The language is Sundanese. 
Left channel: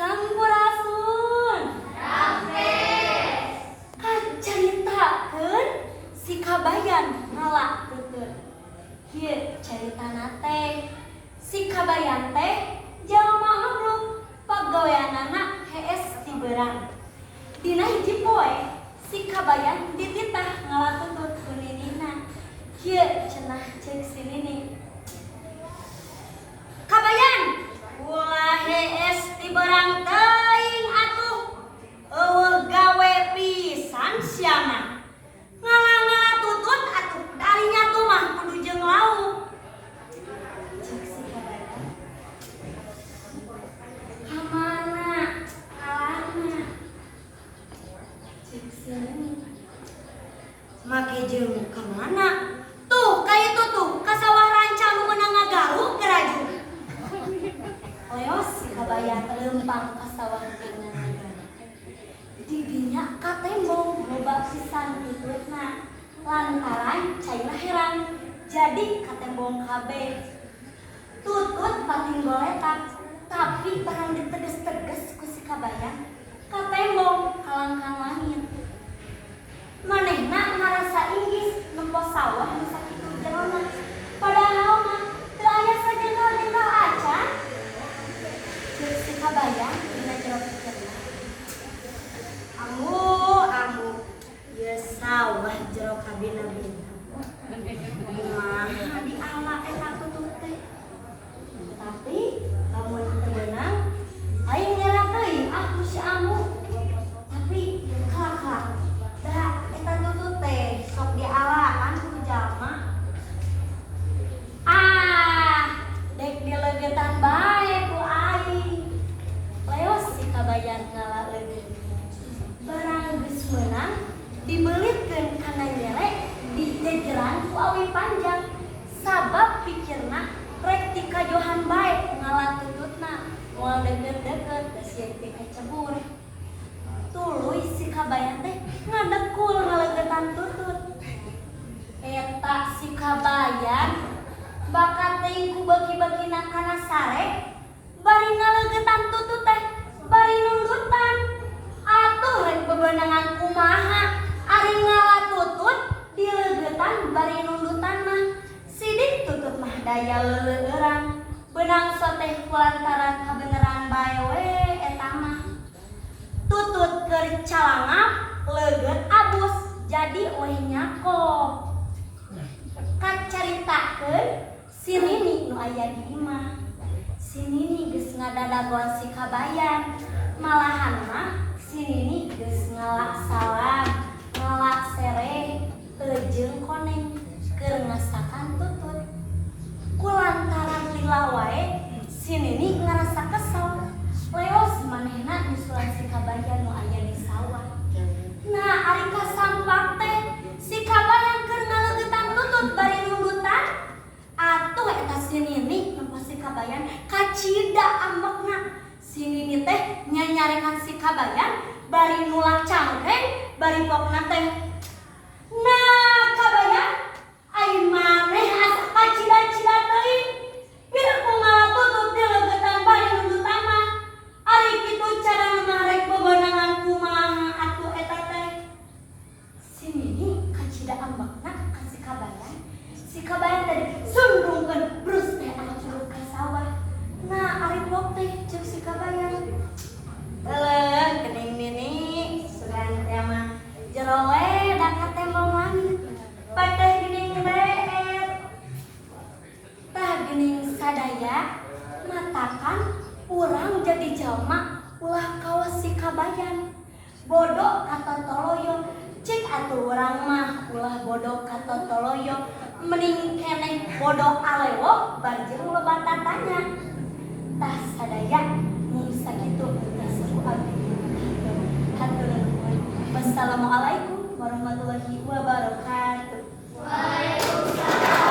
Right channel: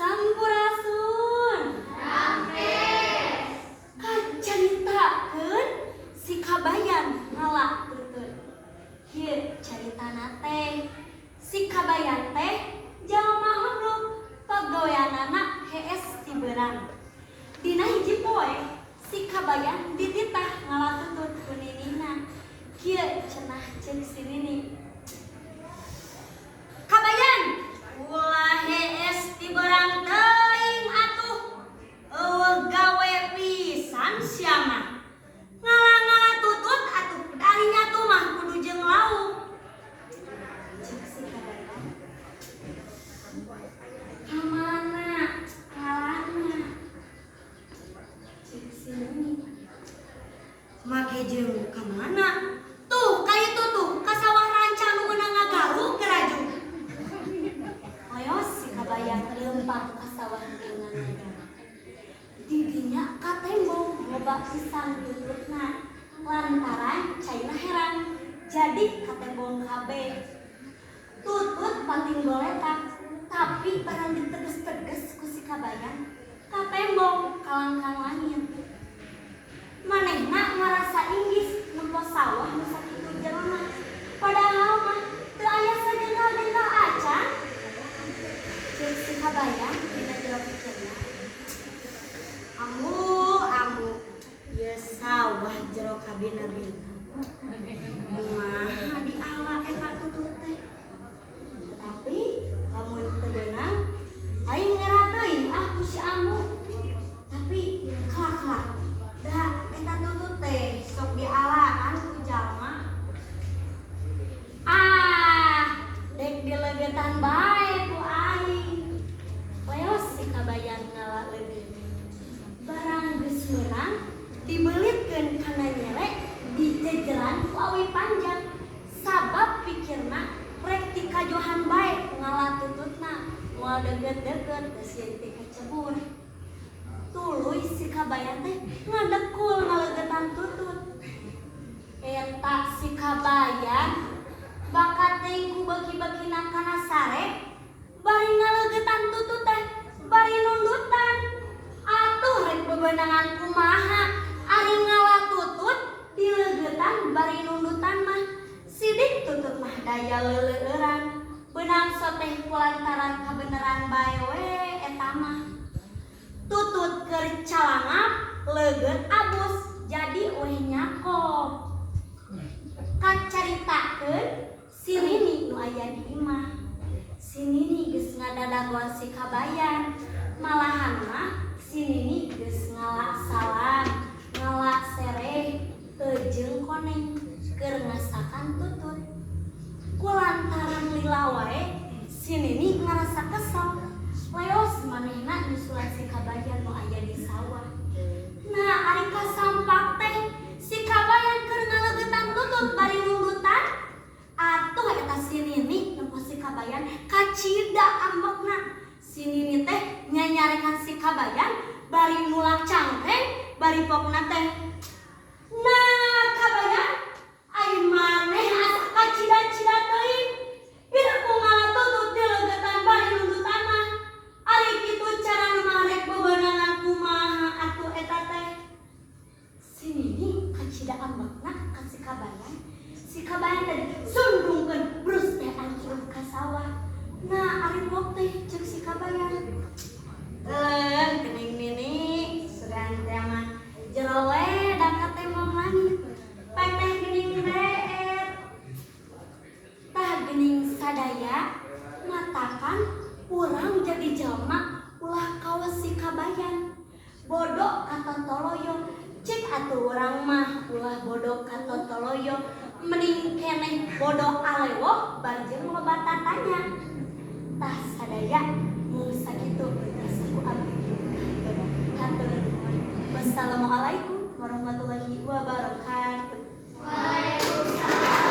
Sampurasun. Kacaritakeun si Kabayan ngalakeukeun. Ieu caritana teh si Kabayan teh jalma hablum pagaweanana hees ti beurang. Dina hiji poe si Kabayan dititah ngalakeukeun ku ninina. Ieu cenah ceuk si nini. Kabayan, ulah hees ti beurang teuing atuh. Eueuh gawe pisan sia mah. Ngala-ngala tutut atuh darinya tuh mah kudu jeung lauk. Cek si Kabayan. Kamana ngalana? Cek si nini. Make jeung kamana? Tuh kaitu tuh ka sawah rancang nu meunang ngagaruk geraju. Leos si Kabayan leumpang ka sawah dengan di dinya ka tembong loba pisan tututna lantaran caina heran jadi ka tembong kabeh. Tutut pating goletak tapi barang diteges-teges ku si Kabayan ka tembong kalangkang langit. Manehna ngarasa inggis nempo sawah nu sakitu jalma padahal mah teu aya sajental-jental acan. Ceuk si Kabayan dina jero pikirna. Ambu, ieu sawah jero kabina-bina. Kumaha diala eta tutut teh. Tapi lamun teu beunang aing nyerah teuing ku si ambu. Tapi kelak-kelak da eta tutut teh sok dialaan ku jalma. Dek dileugetan bae ku aing. Leos si Kabayan ngalaeudeun. Barang geus meunang dibelitkeun kana nyele dijejeran ku awi panjang. Sabab pikirna rek ti kajohan bae ngala tututna. Moal deukeut-deukeut geus ieu teh kacebur. Tuluy si Kabayan teh ngadekul ngaleugetan tutut. Eta si Kabayan bakat teuing ku bagi-bagina kana sare bari ngaleugetan tutut teh bari nundutan. Atuh rek bebeunangan kumaha ari ngala tutut dileugetan bari nundutan mah sidik tutut mah daya leuleueuran beunang soteh kulantaran kabeneran bae we eta mah. Tutut keur calangap leugeut abus jadi weh nyakop. Kacaritakeun si Nini nu aya di imah. Si Nini geus ngadadagoan si Kabayan. Malahan mah si Nini geus ngalak salam, ngalak sereh, teu jeung koneng keur ngasakan tutut. Kulantaran lila wae si Nini ngarasa kesel. Leos manehna nyusulan si Kabayan nu aya di sawah. Nah, ari kasampak teh si Kabayan keur ngaleugetan tutut bari nundutan. Atuh eta si Nini nempo si Kabayan kacida ambekna. Si Nini teh nyanyarekan si Kabayan bari nulak cangkeng bari pokna teh. Nah, Kabayan ai maneh asa kacida-cida teuing. Pira ku ngala tutut dileugetan bari nundutan mah. Ari kitu carana mah rek bebeunangan kumaha atuh eta teh. Si Nini kacida ambekna ka si Kabayan. Si Kabayan tadi sundungkeun brus teh ancur ka sawah. Nah, ari pok teh ceuk si Kabayan. Eleuh geuning Nini, sugan teh mah jero we da ka tembong langit. Pai teh geuning beet. Tah geuning sadaya matakan urang jadi jalma ulah kawas si Kabayan. Bodoh katontoloyong cik atuh urang mah ulah bodoh katontoloyong mending keneh bodoh alewo barjeng loba tatanya. Tah sadaya